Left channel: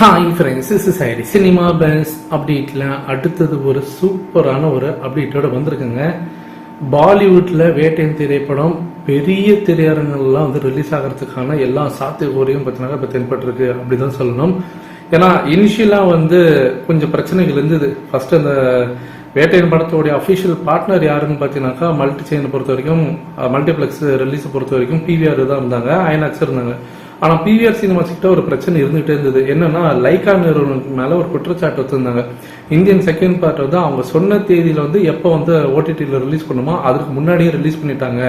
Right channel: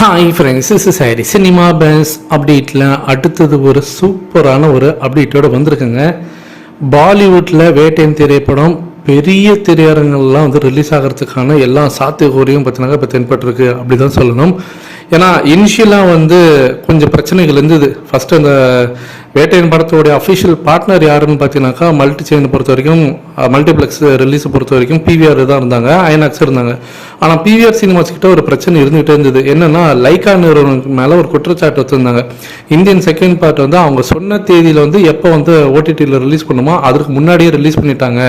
Hi friends, this is Harry. Cinema பேஸ் அப்டேட்டில் அடுத்தது ஒரு சூப்பரான ஒரு அப்டேட்டோடு வந்திருக்குங்க. பாலிவுட்டில் வேட்டையின் திரைப்படம் பெரிய திரையரங்கள்லாம் வந்து ரிலீஸ் ஆகிறதுக்கான எல்லா சாத்தியக்கூறையும் பார்த்தீங்கன்னா இப்போ தென்பட்டிருக்கு அப்படி தான் சொல்லணும். ஏன்னா இனிஷியலாக வந்து கொஞ்சம் பிரச்சனைகள் இருந்தது. ஃபஸ்ட்டு அந்த வேட்டையின் படத்தோடைய அஃபிஷியல் பார்ட்னர் யாருன்னு பார்த்தீங்கன்னாக்கா மல்டி செயினை பொறுத்த வரைக்கும் மல்டிப்ளெக்ஸ் ரிலீஸை பொறுத்த வரைக்கும் பிவிஆர் தான் இருந்தாங்க, ஐநாக்ஸ் இருந்தாங்க. ஆனால் பிவிஆர் சினிமாஸ் கிட்ட ஒரு பிரச்சனை இருந்துகிட்டே இருந்தது. என்னன்னா லைக்கா நிறுவனத்துக்கு மேலே ஒரு குற்றச்சாட்டு வச்சுருந்தாங்க. இந்தியன் செகண்ட் பார்ட் வந்து அவங்க சொன்ன தேதியில் வந்து எப்போ வந்து ஓடிடியில் ரிலீஸ் பண்ணுமோ அதுக்கு முன்னாடியே ரிலீஸ் பண்ணிட்டாங்க.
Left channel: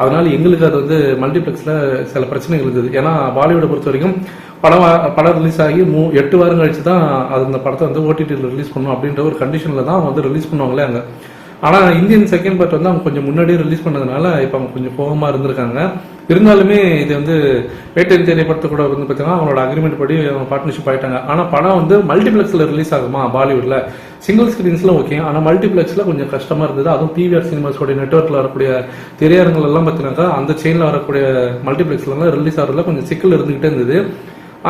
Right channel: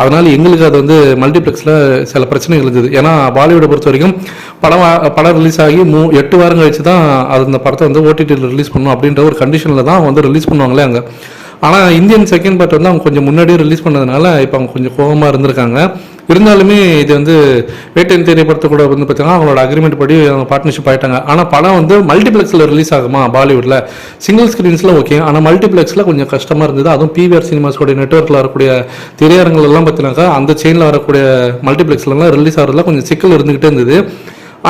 அதனால் எங்களுக்கு அது வந்து மல்டிப்ளெக்ஸில் சில பிரச்சனைகள் இருந்தது. ஏன்னா பாலிவுட்டை பொறுத்த வரைக்கும் படம் ரிலீஸ் ஆகி 8 வாரம் கழிச்சு தான் அது இந்த படத்தை வந்து ஓடிடியில் ரிலீஸ் பண்ணணும் அப்படின்ற ஒரு கண்டிஷனில் தான் வந்து ரிலீஸ் பண்ணுவாங்களே அங்கே. ஆனால் இந்தியன் செகண்ட் பார்ட் வந்து அவங்க கொஞ்சம் முன்னாடியே ரிலீஸ் பண்ணதுனால இப்போ அவங்க கொஞ்சம் கோபமாக இருந்திருக்காங்க. இருந்தாலுமே இது வந்து வேட்டையின் திரைப்படத்தை கூட வந்து பார்த்தீங்கன்னா அவங்களோட அக்ரிமெண்ட் படி அவங்க பார்ட்னர்ஷிப் ஆகிட்டாங்க. ஆனால் படம் வந்து மல்டிப்ளெக்ஸில் ரிலீஸ் ஆகுமா பாலிவுட்டில்? சிங்கிள் ஸ்க்ரீன்ஸில் ஓகே, ஆனால் மல்டிப்ளெக்ஸில் கொஞ்சம் கஷ்டமாக இருந்தது. அதுவும் பிவிஆர் சினிமாஸோடைய நெட்ஒர்க்கில் வரக்கூடிய திரையரங்குகள் எல்லாம் பார்த்தீங்கன்னாக்கா அந்த செயினில் வரக்கூடிய மல்டிப்ளெக்ஸ்லாம் ரிலீஸ் ஆகிறதுல கொஞ்சம் சிக்கல் இருந்துகிட்டே இருந்தது.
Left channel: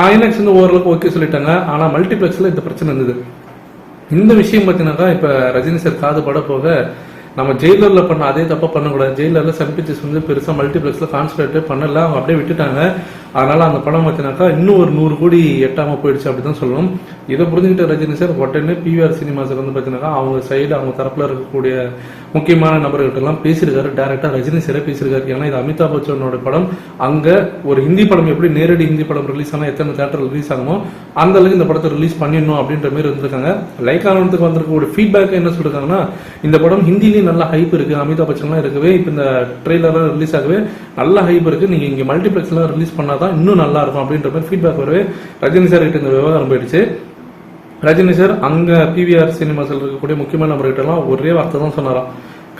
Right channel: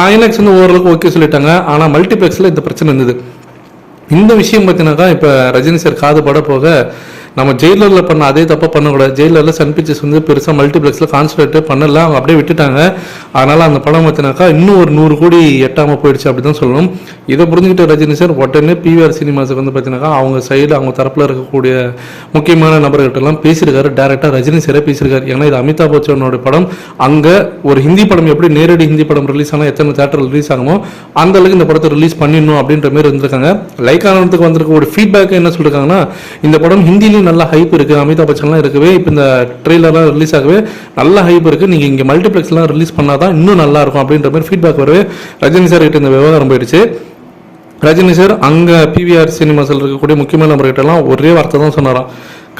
ஐநாக்ஸ் வந்து ஓரளவுக்கு ஓகே சொல்லிட்டாங்க. ஆனால் மல்டிப்ளெக்ஸில் இந்த பிரச்சனை இருந்தது. இந்த விஷயம் பார்த்தீங்கன்னாக்கா இப்போ ரஜினி சார் காது பட போக நம்ம ஜெயிலரில் பண்ண அதே தப்பாக பண்ணக்கூடாது. ஜெயிலரில் சன் பிக்சர்ஸ் வந்து பெருசாக மல்டிப்ளெக்ஸில் கான்சன்ட்ரேட் பண்ணல, அவங்க அப்படியே விட்டுட்டாங்க. அதனால் அந்த படம் பார்த்தீங்கன்னாக்கா இன்னும் ஒரு 100 கோடி எட்டாமல் போயிடுச்சு அப்படி தான் சொல்லணும். இதை புரிஞ்சுக்கிட்ட ரஜினி சார் உடனே பிவிஆர் சினிமாஸுக்கு வந்து பார்த்தீங்கன்னாக்கா அவங்க சைடு அவங்க தரப்பில் இருக்கக்கூடிய முக்கியமான நபர்கள்ட்டெல்லாம் பேசியிருக்காரு. டேரெக்டாக ரஜினி சாரே பேசியிருக்காரு. ஏன்னா இது அமிதாப் பச்சனோட படம். அங்கே ஒரு ஹிந்தி படம் எப்படி நேரடி ஹிந்தி படம் ரிலீஸ் ஆனால் எத்தனை தேட்டர் ரிலீஸ் ஆகணுமோ அந்த அளவுக்கு இந்த படத்தை ரிலீஸ் பண்ணிடணும் அப்படின்ற மாதிரி இருந்திருக்காங்க. லைக் ஆனதுக்கு வந்திருக்க ஒரு ஃபீட்பேக் என்ன சொல்லியிருக்காங்கன்னா, இந்த படம் ஹிந்திலையும் நல்ல ஹைப் இருக்கு, அமிதாப் பச்சன்லாம் இருக்கவே, இப்போ இந்த ட்ரெய்லர்லாம் ரிலீஸ் ஆகவே நல்ல ஹைப் இருக்கு, நீங்க இங்க மல்டிப்ளெக்ஸ்லாம் ரிலீஸ் பண்ணாதான் இன்னும் நல்லா இருக்கும் அப்படின்ற மாதிரி ஃபீட்பேக் வரவே ரஜினி சார் கிட்ட இந்த விவகாரம் போயிடுச்சு. ரஜினி சார் அங்க பிவிஆர் சினிமாஸில் இருக்கக்கூடிய முக்கியமான நபர்கிட்டலாம் ஒரே வார்த்தை தான் சொன்னாராம்,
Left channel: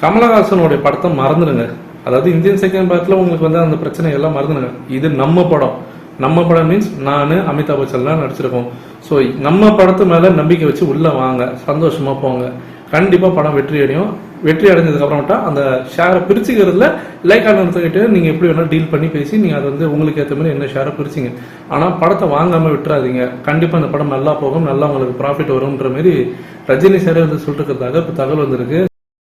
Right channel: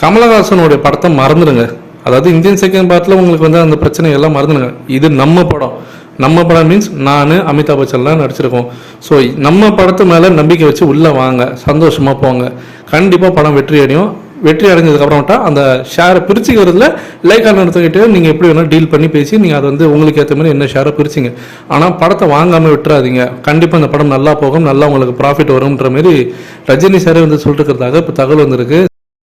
கமலஹாசனோட படத்தை மறந்துடுங்க. அதாவது இந்தியன் செகண்ட் பார்ட்ல உங்களுக்கு வந்து அந்த பிரச்சனை எல்லாம் மறந்துடுங்க. இது நம்ம படம். நம்ம படம் மீன்ஸ் நான் அமிதாப் பச்சன்லாம் நடிச்சிருக்கோம். ஸோ நம்ம படத்து மேலே நம்பிக்கை வச்சு உள்ளே வாங்க, சந்தோஷமாக போங்க, கண்டிப்பாக படம் வெற்றி அடையும். வெற்றி அடைஞ்சதுக்கப்புறம்ட்டா அந்த ஷேரை பிரிச்சுக்கிறதுல லைக் ஆனதுக்கிட்டே நீங்கள் எப்படி வேணால் டீல் பண்ணி பேசி நீங்கள் அதை வந்து உங்களுக்கு ஏற்ற மாதிரி என்ன ஷேரை பிரிச்சிங்க. ஆனால் படத்தை வாங்காமல் விட்டுறாதீங்க, கண்டிப்பாக அந்த படம் நல்லா போகும், நல்லா உங்களுக்கு ப்ராஃபிட் வரும்ன்ற மாதிரி ரஜினி சாரே வந்து சொல்லிட்டு இருக்கிறதாக இப்போ தகவல் வந்திருக்கு.